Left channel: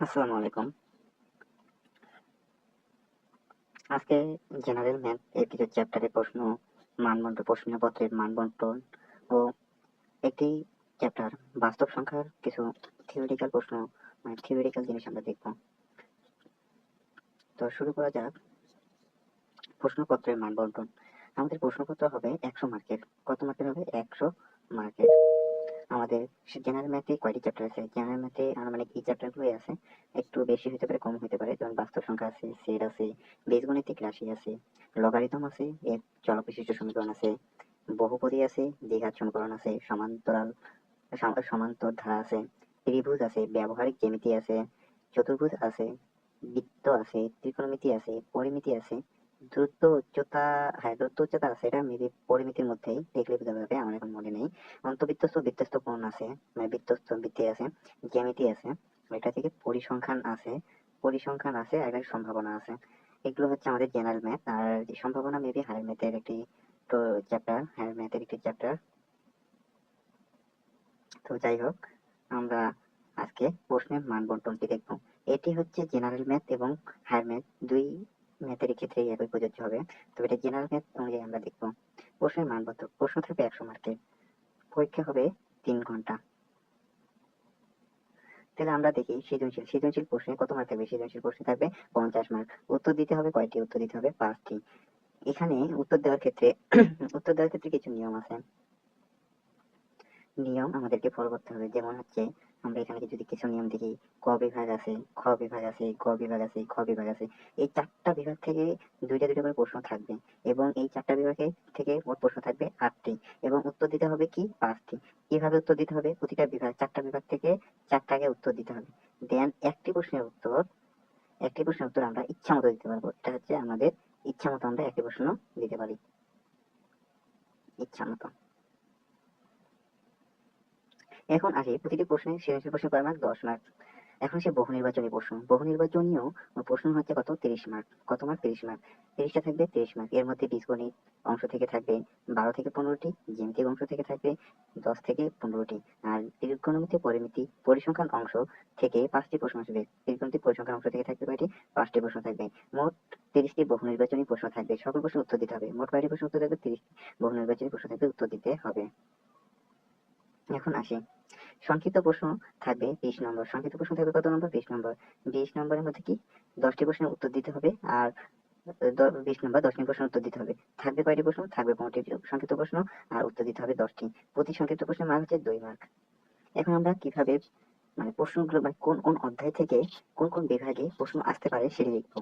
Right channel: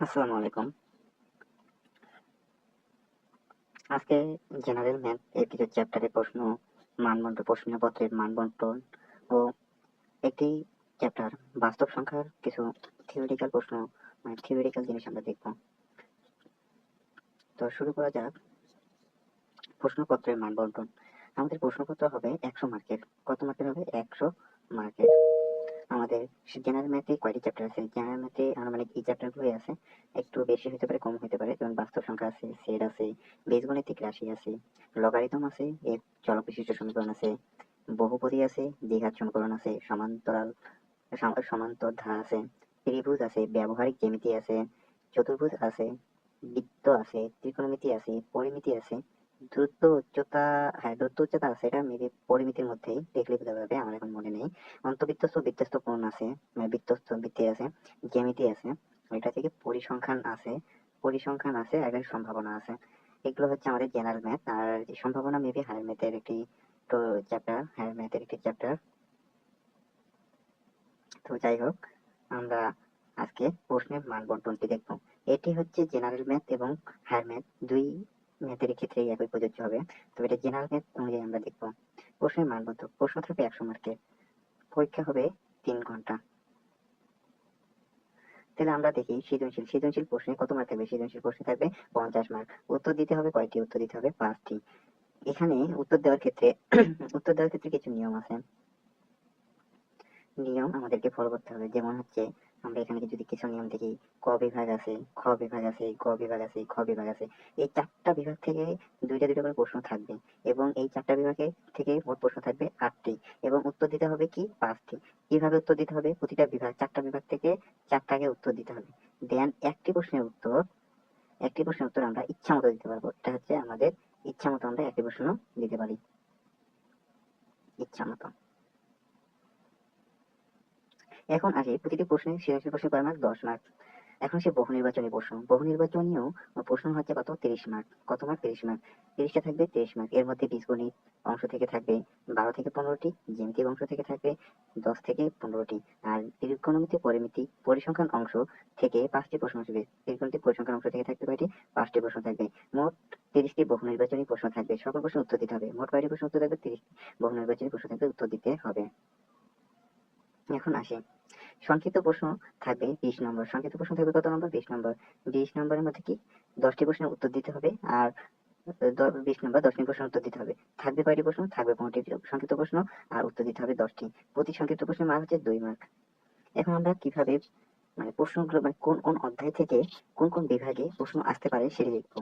আসসালামু আলাইকুম। আজকে জেনারেল ম্যাথ এর কিছু চ্যাপ্টারের প্রশ্ন, প্রশ্নপত্রের মান বন্টন ও একটি চ্যাপ্টার বাস্তব সংখ্যার কিছু থিওরিটিক্যাল প্রশ্ন, থিওরিটিক্যাল জিনিস আমরা দেখব। তো শুরু করা যাক। প্রশ্নপত্রের মান বন্টন। আমাদের প্রশ্নপত্র হবে 100 মার্কের। কত মার্কের হবে? 100 মার্কের। আমাদের জেনারেল ম্যাথে কয়টি চ্যাপ্টার আছে? জেনারেল ম্যাথে আনুমানিক এই চ্যাপ্টারগুলোই আছে। একটু বেশি হতে পারে, কম হতে পারে। যেমন বাস্তব সংখ্যা আছে, সেট আছে, বীজগণিতিক রাশি আছে, লগারিদম আছে, এর চলক বিশিষ্ট সমীকরণ আছে, বহুপদী আছে, দ্বিঘাত সমীকরণ আছে, সমান্তর ধারা আছে, ত্রিভুজ আছে, ব্যবহারিক জ্যামিতি আছে, চতুর্ভুজ আছে, বৃত্ত আছে, ত্রিকোণমিতি আছে, পরিমিতি আছে, দূরত্ব উচ্চতা আছে। এটা মেবি পরিমিতির মধ্যেই দেখলে বোঝা যাবে, আমার এখন মনে নেই। বৃত্তস্থ কোণ আছে, মানে বৃত্তি আছে, জ্যামিতি আছে, এটা থেকে পরিসংখ্যান আছে, আর একটা সম্ভাবনা আছে। এগুলো হচ্ছে আমাদের জেনারেল ম্যাথ। আর সম্ভাবনা মেবি হায়ার ম্যাথের একটি চ্যাপ্টার। তো যাই হোক, আমরা আজকে প্রশ্নের মান বন্টনটি দেখব। এটি হচ্ছে জেনারেল ম্যাথ এবং হায়ার ম্যাথ, দুই ম্যাথের ক্ষেত্রেই একই প্রযোজ্য হবে। তো এটা জেনারেল ম্যাথ অনুযায়ী আমরা দেখব। প্রশ্নের মান বন্টন। প্রশ্ন থাকবে 100 মার্কের, পরীক্ষা হবে 3 ঘন্টা। তাহলে আমরা দেখি সৃজনশীল প্রশ্নে কত মার্ক থাকবে। সৃজনশীল প্রশ্নে থাকবে 50 মার্ক। উত্তর দিতে হবে কয়টি? উত্তর দিতে হবে 5টি। এখানে উত্তর দেওয়ার ক্ষেত্রে কিছু নিয়ম আমাদেরকে ফলো করতে হবে। যেমন হচ্ছে, আমরা এখানে যদি কিছু নিয়ম দেখি, ক বিভাগ আছে, খ বিভাগ আছে, গ বিভাগ আছে, খ বিভাগ আছে। এই 4টা বিভাগ থেকে দুইটা দুইটা করে প্রশ্ন থাকবে, এবং এই 4টা বিভাগে থেকে মোট প্রশ্ন থাকবে 8টি, এবং উত্তর দিতে হবে কি? 5টি। কিভাবে উত্তর দিতে হবে? প্রতিটা বিভাগ, 4টা বিভাগ থেকে 4টাকে উত্তর দিতে হবে। দেন একটি প্রশ্নের উত্তর আমরা ইচ্ছা মতো দিতে পারবো। এটা হচ্ছে আমাদের ইচ্ছা মতো, আমরা একটি প্রশ্ন দিতে পারি ইচ্ছা মতো। এখন আসি প্রতিটি প্রশ্নের সৃজনশীল প্রশ্নে কয় মার্ক? 10 মার্ক। এখন সে বহু নির্বাচনী প্রশ্ন। বহু নির্বাচনীয় প্রশ্ন হচ্ছে কত? 30 মার্ক। কত মার্ক? 30 মার্ক। 30টা থাকবে 30 মার্ক। এর মধ্যে বীজগণিত অংশ থেকে থাকবে 12 থেকে 15টি, জ্যামিতিক অংশ থেকে থাকবে 10 থেকে 15টি, আর ত্রিকোণমিতি, পরিসংখ্যান অংশ থেকে 5টি প্রশ্ন আসবে। ত্রিকোণমিতি পরিসংখ্যান অংশ থেকে থাকবে কয়টি? 5টি প্রশ্ন থাকবে। মোট 30টি বহু নির্বাচনী প্রশ্ন থাকবে। সকল প্রশ্ন উত্তর দিতে হবে। মোট কয়টি প্রশ্ন উত্তর থাকবে? 30 বহু নির্বাচনী প্রশ্ন থাকবে, উত্তর দিতে হবে। এখন আসি, সংক্ষিপ্ত প্রশ্ন থাকবে 20 নম্বর। সংক্ষিপ্ত প্রশ্ন থাকবে কত নম্বর? 20 নম্বর। 20 নম্বরের মধ্যে কি 10টি প্রশ্নের উত্তর দিতে হবে, আর 20 নম্বর 10টি প্রশ্নের উত্তর দিতে হবে। থাকবে কয়টি প্রশ্ন? থাকবে 15টি সংক্ষিপ্ত প্রশ্ন, আর উত্তর দিতে হবে 10টি। প্রতি সংক্ষিপ্ত প্রশ্নের মান হচ্ছে 2 মার্ক। এখন আমরা কিভাবে, মানে প্রশ্নগুলো, মানে কোন কোন অধ্যায় থেকে কোন কোন বিভাগে প্রশ্ন আসতে পারে সেটা দেখবো।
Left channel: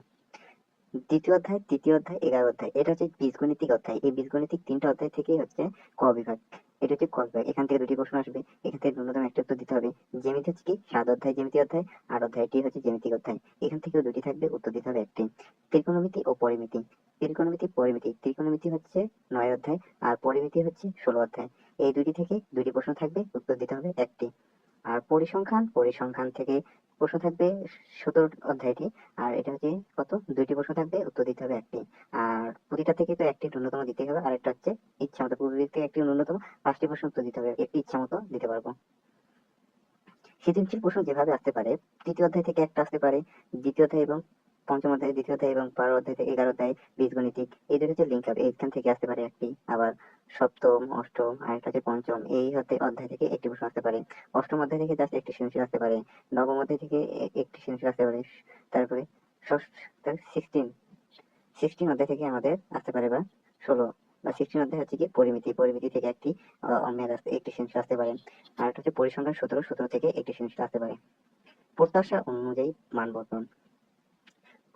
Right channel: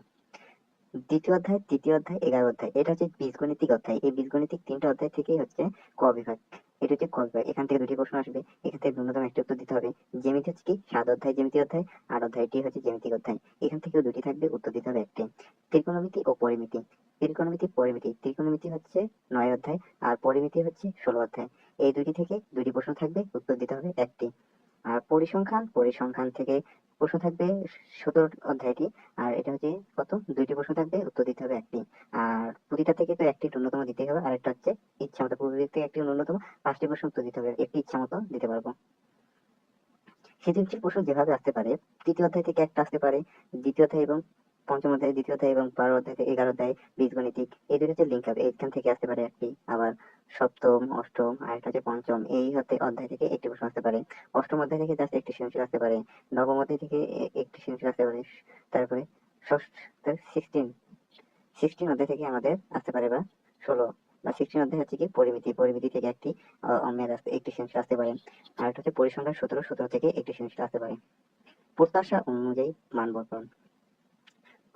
দ্বিতীয় অধ্যায়, তৃতীয় অধ্যায়, 11 অধ্যায়, এটা হচ্ছে বীজগণিতিক অধ্যায়। এই বীজগণিতিক 3টা অধ্যায় থেকেই হচ্ছে ক বিভাগ। এটা হচ্ছে ক বিভাগ। এখান থেকে 2টি প্রশ্ন আসবে, এখান থেকে ন্যূনতম 1টি উত্তর দিতে হবে। জ্যামিতি হচ্ছে কি? 7 অধ্যায় জ্যামিতি অধ্যায়, 8 অধ্যায়টি হচ্ছে জ্যামিতিক অধ্যায়। এখান থেকেও 2টি থাকবে, উত্তর দিতে হবে 1টি। ত্রিকোণমিতি ও পরিমিতি। ত্রিকোণমিতি হচ্ছে 9 অধ্যায়, আর পরিমিতি হচ্ছে 16 অধ্যায়। এই দুটি থেকে 2টি প্রশ্ন থাকবে, উত্তর দিতে হবে 1টি। আর পরিসংখ্যান থেকে প্রশ্ন থাকবে 17 অধ্যায়টি, আর এটা হচ্ছে কত? 2টি প্রশ্ন থাকবে, উত্তর দিতে হবে 1টি। আর প্রতিটা থেকে তো 1টি ন্যূনতম দিতে হবে, আর একটা হচ্ছে ইচ্ছা মতো। পূর্ব দিক থেকে 1টি ন্যূনতম, 5টি প্রশ্ন উত্তর দিতে হবে, একটি ইচ্ছা মতো দিতে পারবো। সৃজনশীল প্রশ্ন যেভাবে আসতে পারে, তৃতীয় অধ্যায় থেকে একটা আসতে পারে, দ্বিতীয় অধ্যায় এবং পঞ্চম অধ্যায়, দ্বিতীয় অধ্যায় এবং 12 অধ্যায় থেকে 11 অধ্যায় বীজগণিতিক, এই দুটো হচ্ছে লিঙ্ক আপ, এইখান থেকে আসতে পারে একটি। আবার সপ্তম, অষ্টম, আর একটা হচ্ছে পঞ্চম, এই হতে অধ্যায় থেকে একটি প্রশ্ন আসতে পারে। অষ্টম অধ্যায় থেকে জাস্ট একটি সৃজনশীল আসতে পারে। নবম অধ্যায় থেকে একটি সৃজনশীল আসতে পারে। তারপরে ষষ্ঠ, 16 অধ্যায় থেকে আমাদের আসতে পারে, বা 16 বা 16 অধ্যায় হচ্ছে কি? পরিমিতি থেকে একটি একটি সৃজনশীল আসতে পারে। আর একটা হচ্ছে পরিসংখ্যান 17 থেকে একটি সৃজনশীল আসতে পারে। প্রত্যাশা অনুযায়ী মান বন্টন।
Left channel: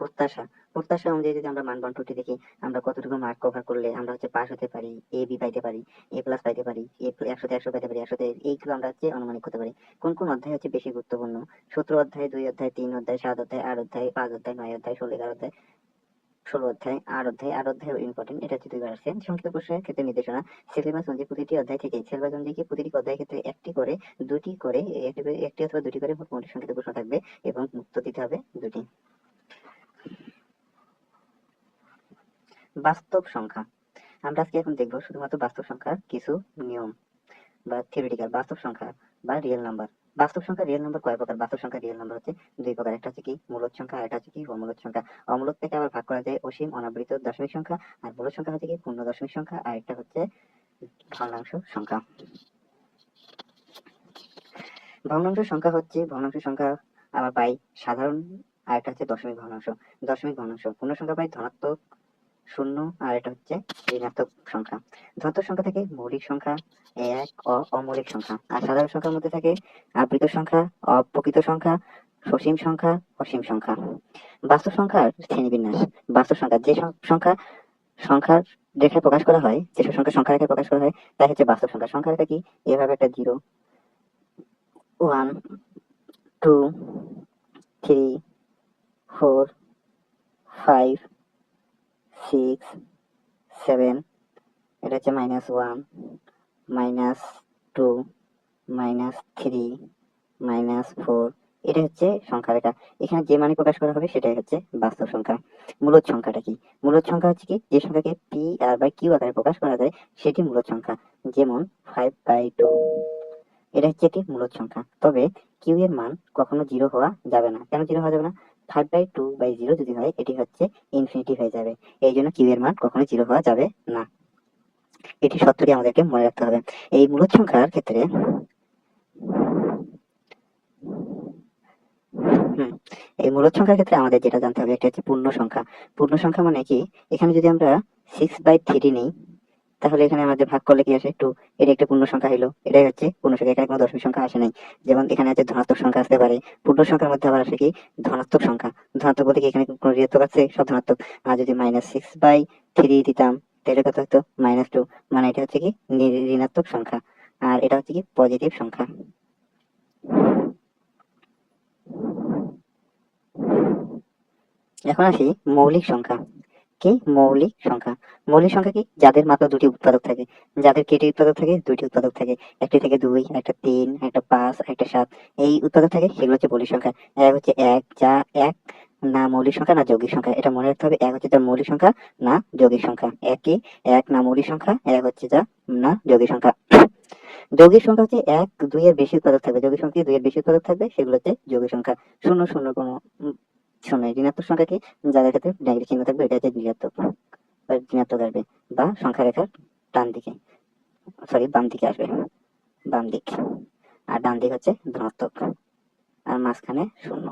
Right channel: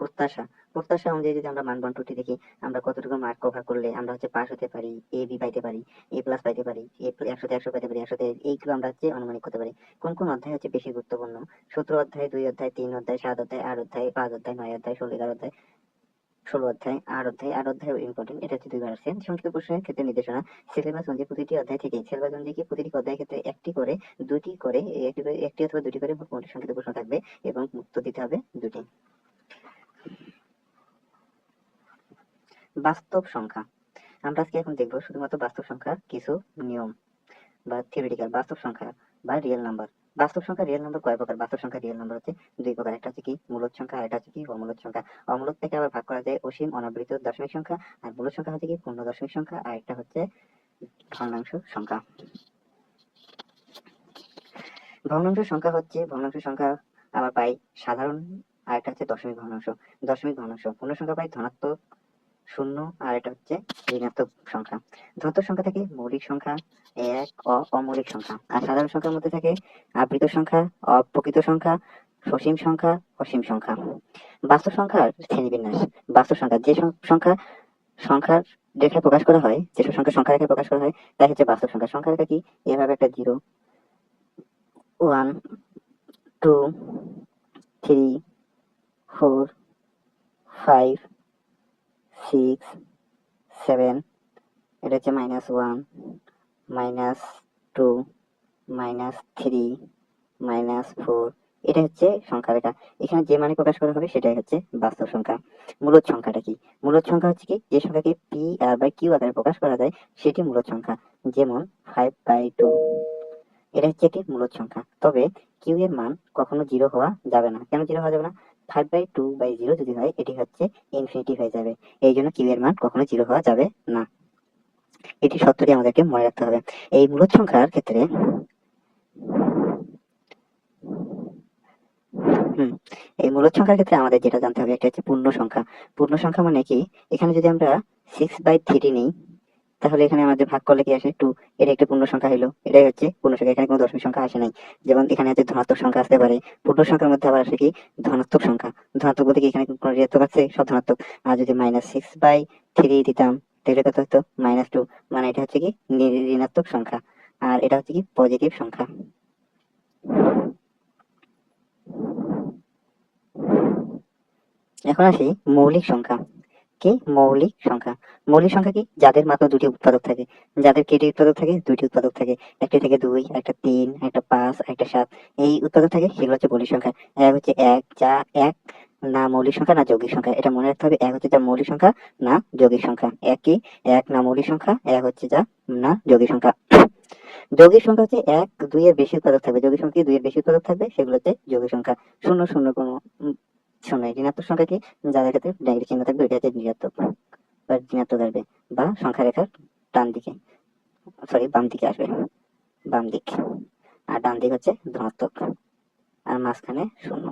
প্রত্যাশা প্রত্যাশা অনুযায়ী যদি আমরা মান বন্টনটি দেখি, আমরা কতটুকু মার্ক কভার করলে আমরা হচ্ছে পাস হতে পারি, এ বি পাইতে পারি, এ প্লাস পাইতে পারি, 100 পাইতে পারি, 100 এইগুলো আমরা হচ্ছে অনুমানিক করতে পারি। কোন কোন অধ্যায় হচ্ছে বেশি গুরুত্বপূর্ণ? 17 অধ্যায়, 2 অধ্যায়, 3 অধ্যায়, 7 অধ্যায়, 8 অধ্যায়, 5 অধ্যায়, 9 অধ্যায়, 16, 11 অধ্যায়, 16 অধ্যায়, 8 অধ্যায় ইম্পর্টেন্ট, এটা হচ্ছে 2বার আসছে। সংক্ষিপ্ত প্রশ্নের ক্ষেত্রে নির্দেশনা। সিলেবাস অনুযায়ী প্রতিটি অধ্যায় থেকে প্রতিটি অধ্যায়ের ক্ষেত্রে একটি করে, দুটি করে, একটি অথবা দুটি করে মোট সংক্ষিপ্ত প্রশ্ন থাকবে, এবং উত্তর দিতে হবে 2টি। বাস্তব সংখ্যা। আমরা আজকে এখন দেখবো শুধুমাত্র বাস্তব সংখ্যার কিছু নিয়ম, বা থিওরিটিক্যাল বাস্তব সংখ্যা বা রিয়েল নাম্বার। বাস্তব সংখ্যা রিয়েল নম্বর কয় প্রকার? বাস্তব সংখ্যা রিয়েল নম্বর হচ্ছে দুই প্রকার, একটা হচ্ছে কি মূলদ সংখ্যা, আর একটা হচ্ছে কি অমূলদ সংখ্যা। অমূলদ থেকে আবার ভাগ করা যায় অসীম অনাবৃত দশমিক সংখ্যা, আর মূলদ সংখ্যা হচ্ছে কি পূর্ণ দশমিক সংখ্যা, আর একটা হচ্ছে ভগ্নাংশ সংখ্যা। ভগ্নাংশ সংখ্যা হচ্ছে ভগ্নাংশ সংখ্যা আবার পাই সাধারণ, আর একটা হচ্ছে দশমিক ভগ্নাংশ। দশমিক ভগ্নাংশ পূর্ণ সংখ্যা পাই ধনাত্মক শূন্য, আর এটা হচ্ছে ঋণাত্মক সংখ্যা। ধনাত্মক সংখ্যা থেকে মৌলিক সংখ্যা, এক অমৌলিক সংখ্যা, আর সাধারণ সংখ্যার মধ্যে থাকে আবৃত সংখ্যা, অপ্রকৃত সংখ্যা, সসীম সংখ্যা, অসীম সংখ্যা। বাস্তব সংখ্যার শ্রেণীবিন্যাস। বাস্তব সংখ্যা যে সংখ্যা সংখ্যার রেখায় প্রকাশ করা হয়, যেসব সংখ্যা সংখ্যা রেখায় প্রকাশ করা হয় তাই হচ্ছে বাস্তব সংখ্যা। সংখ্যা রেখা কি? এভাবে একটা 0, 1, 2, 3, 4, 5, 6, 7, এটা হচ্ছে -1, -2, -3, -4, এটা হচ্ছে সংখ্যা রেখা। এখানে যে মানে প্রকাশ করা হবে সেটাই হচ্ছে বাস্তব সংখ্যা। মূলদ সংখ্যাটা কি? মূলদ সংখ্যা হচ্ছে কি যে সংখ্যাকে পি আর বাই কিউ আকারে প্রকাশ করা যায় সেটি মূলদ সংখ্যা। যেমন 5/2, এটা হচ্ছে একটি মূলদ সংখ্যা। তবে কিউ এর মান কখনো 0 হওয়া যাবে না। কেন 0 হওয়া যাবে না? 5/2/0 যদি হয় এটি হচ্ছে ইনফিনিটি হয়ে যাবে। এই জন্য কিউ এর মান কখনো 0 হওয়া যাবে না। এটি সত্যটি আমাদেরকে মনে রাখতে হবে। এই মূলদ সংখ্যার ক্ষেত্রে এই মূলদ সংখ্যার ক্ষেত্রে আমাদের যেটা জানতে হবে একটা হচ্ছে পূর্ণ সংখ্যা। পূর্ণ সংখ্যা মানে কি? এখানে যদি আমরা 6/3 নিই তাহলে এখানে আমাদের ভাগ করলে কি আসে? 2। এটা একটা পূর্ণ সংখ্যা হলো। এটাই হচ্ছে পূর্ণ সংখ্যা। এখানে কোনো দশমিক সংখ্যা আসে নাই। যেমন এখানে আছে ধনাত্মক সংখ্যা আসতে পারে। পূর্ণ সংখ্যার মধ্যে আবার আসে কি ধনাত্মক সংখ্যা। ধনাত্মক বলতে কি এখানে কোনো ঋণাত্মক আছে? সব ধনাত্মক। আর যদি -6/3 দিতাম তাহলে কত হতো? -2। মানে এটা হচ্ছে কি ঋণাত্মক সংখ্যা, আর এটা হচ্ছে কি পজিটিভ সংখ্যা। এখন আসি মৌলিক সংখ্যা। কি? মৌলিক সংখ্যা। মৌলিক সংখ্যা কি? যাদের মাত্র দুটি উৎপাদক থাকে। যাদের কয়টি উৎপাদক থাকে? দুইটি উৎপাদক থাকে। একটি থেকে 2, একটা 3, একটা 5, একটা 7, এই উৎপাদক থাকে, সেগুলো হচ্ছে মৌলিক সংখ্যা। এক হচ্ছে এক, যা এক না মৌলিক সংখ্যা না যৌগিক সংখ্যা। এটা মনে রাখতে হবে। এক হচ্ছে যা মৌলিক সংখ্যা না যৌগিক সংখ্যা। এক কি? এক না মৌলিক সংখ্যা, এক হচ্ছে যা না যৌগিক সংখ্যা। যৌগিক সংখ্যা হচ্ছে 1, 2 এর বেশি উৎপাদক থাকবে। যৌগিক সংখ্যা 2 এর বেশি উৎপাদক থাকবে, সেগুলো হচ্ছে যৌগিক সংখ্যা। শূন্য শূন্য কোনো শূন্য। ঋণাত্মক সংখ্যা কি? যাদের ক্ষেত্রে নেগেটিভ চিহ্ন থাকবে এটা হচ্ছে ঋণাত্মক বা ঋণাত্মক আসবে, বা সংখ্যা রেখার ডান দিকে, সরি বাম দিকে আসবে, বাম দিক। আর ডান দিক হচ্ছে ধনাত্মক, আর মাঝখানে শূন্য।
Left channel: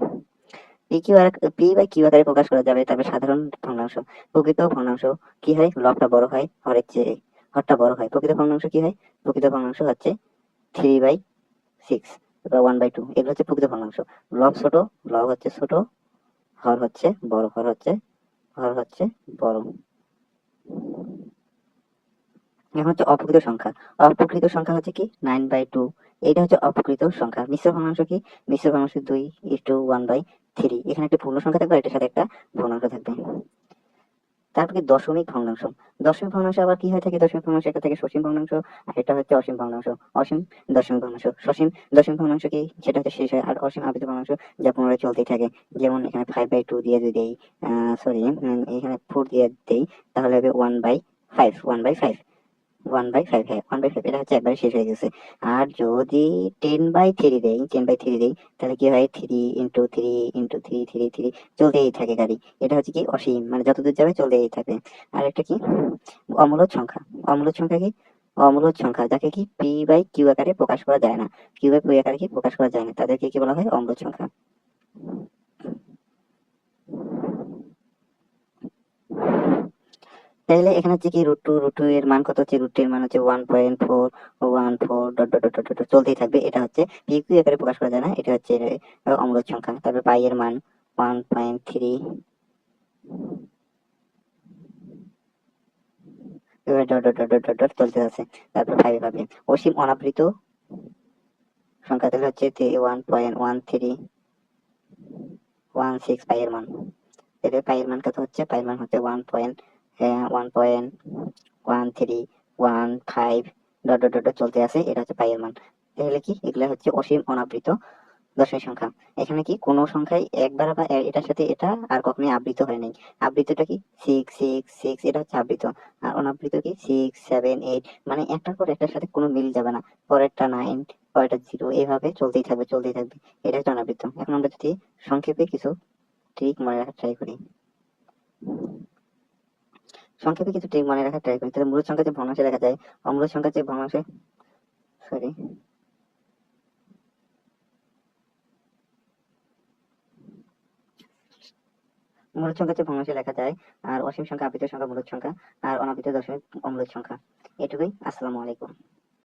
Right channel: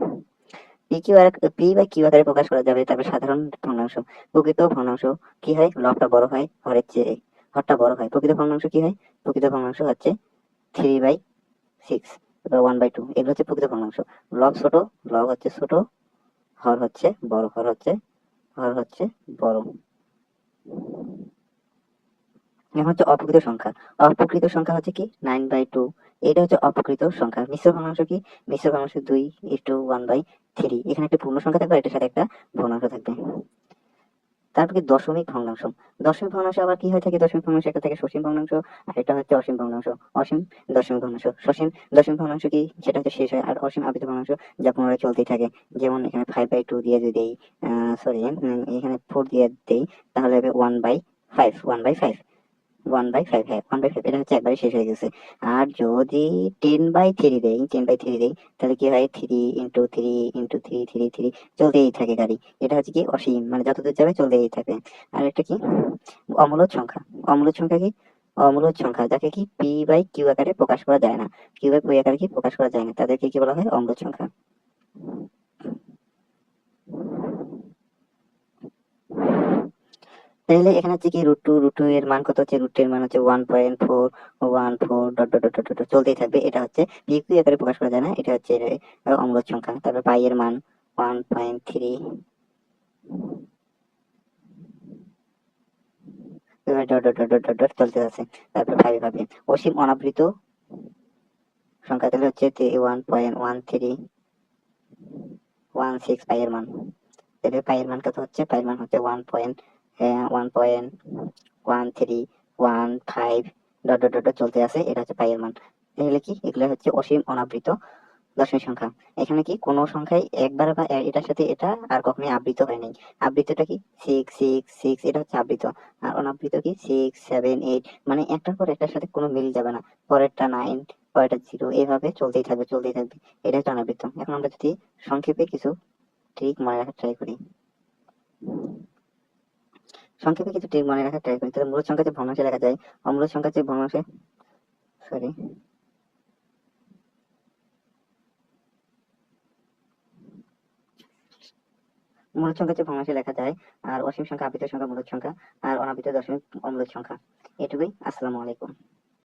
পি বাই কিউ আকারে প্রকাশ করা যাবে। তারপরে সাধারণ ভগ্নাংশ। প্রকৃত ভগ্নাংশ কি হয়? লবটা বড় হয়, হরের চেয়ে হরটা বড় হয়। প্রকৃত ভগ্নাংশ কি হয়? প্রকৃত ভগ্নাংশ হচ্ছে 3/6 বা 1/2। এগুলো হচ্ছে প্রকৃত ভগ্নাংশ। লব ছোট, লব হচ্ছে ছোট, হর হচ্ছে বড়, হর হচ্ছে বড়। এখন হচ্ছে অপ্রকৃত সংখ্যা। অপ্রকৃত সংখ্যা হচ্ছে কি? 9/2। এটা হচ্ছে অপ্রকৃত সংখ্যা। মিশ্র ভগ্নাংশ কি? মিশ্র ভগ্নাংশ 2:1/3। এখানে একটা পূর্ণ সংখ্যা থাকবে, এটার সাথে একটা ভগ্নাংশ থাকবে। তারপর কি দশমিক ভগ্নাংশ। দশমিক ভগ্নাংশ আবার কি হয়ে থাকে? দশমিক ভগ্নাংশ একটা থাকে সসীম ভগ্নাংশ, আর এটা হচ্ছে অসীম ভগ্নাংশ। অসীম দশমিক ভগ্নাংশ। সসীম দশমিক ভগ্নাংশ কি? সেটা হচ্ছে শেষ হয়। আর অসীম আবৃত ভগ্নাংশ যা পুনরায় চলতেই থাকে। যেমন এখানে 5/2 দিয়ে যদি দেই, সরি এখানে 4 দিয়ে দেই, তাহলে হবে 1/5, 1/5, 1/5, হ্যাঁ 1/5। এটা হচ্ছে একবারে শেষ হয়ে গেছে। আর যদি 10/3 দেই তাহলে কি হয়? 3 × 3 × 3 চলতেই থাকে গাড়ি। এটা হচ্ছে কি অসীম, মানে যতদূর যাবে চলতেই থাকে। আর একটা কি? অমূলদ সংখ্যা। অমূলদ সংখ্যা কি? অমূলদ সংখ্যা যাকে কি পি বাই কিউ আকারে প্রকাশ করা যায় না। কিউ বাই কিউ আকারে কি প্রকাশ করা যায় না, তাদেরকে কি বলা হয়? অমূলদ সংখ্যা। তাহলে এখানে হচ্ছে কি √2 এর মান কত হচ্ছে? √2 এর মান হচ্ছে 1.414 ডট ডট ডট ডট চলতেই থাকবে। এটা হচ্ছে পি কিউ আকারে প্রকাশ করা যায় না, এটা হচ্ছে অমূলদ সংখ্যা। তারপর পাই এর মান 1.3, এবার dot dot dot dot dot dot চলতে আছে। তারপর 5 পাবে। অসীম অনাবৃত সংখ্যা তাহলে হচ্ছে 1.1316 পাই এর মান। তাহলে পাই এর মান কত হচ্ছে? পাই এর মান হচ্ছে 1.1315 ডট ডট ডট চলতে আছে। এটা হচ্ছে পাই এর মান। তাহলে কি? এগুলো হচ্ছে অসীম অনাবৃত দশমিক সংখ্যা। এখানে কি কোনো সংখ্যাই একবার বা এটার সাথে এটা আর কখনোই আবৃত হয় নাই। আবৃতটা কি 6 6 6, এটা হচ্ছে আবৃত। আর অনাবৃত কি 6 7 8, মানে একটার পর একটার সাথে কোনো মিল যাবে না। পরেরটা 9, পরেরটা 0, এইভাবে চলতেই থাকবে চলতেই থাকবে। এটা হচ্ছে অনাবৃত। এখন আমরা যদি সংক্ষেপে কিছু ট্রিক মনে রাখার ট্রাই করি, তাহলে মূলদ সংখ্যা যে ভগ্নাংশে লেখা যায়, অমূলদ সংখ্যা যে ভগ্নাংশে, সরি, মূলদ সংখ্যা যে ভগ্নাংশে লেখা যায়, আর অসীম সংখ্যা আবৃত সংখ্যা মূলদ সংখ্যা, আর অনাবৃত দশমিক অমূলদ সংখ্যা। এটুকুই। আসসালামু আলাইকুম।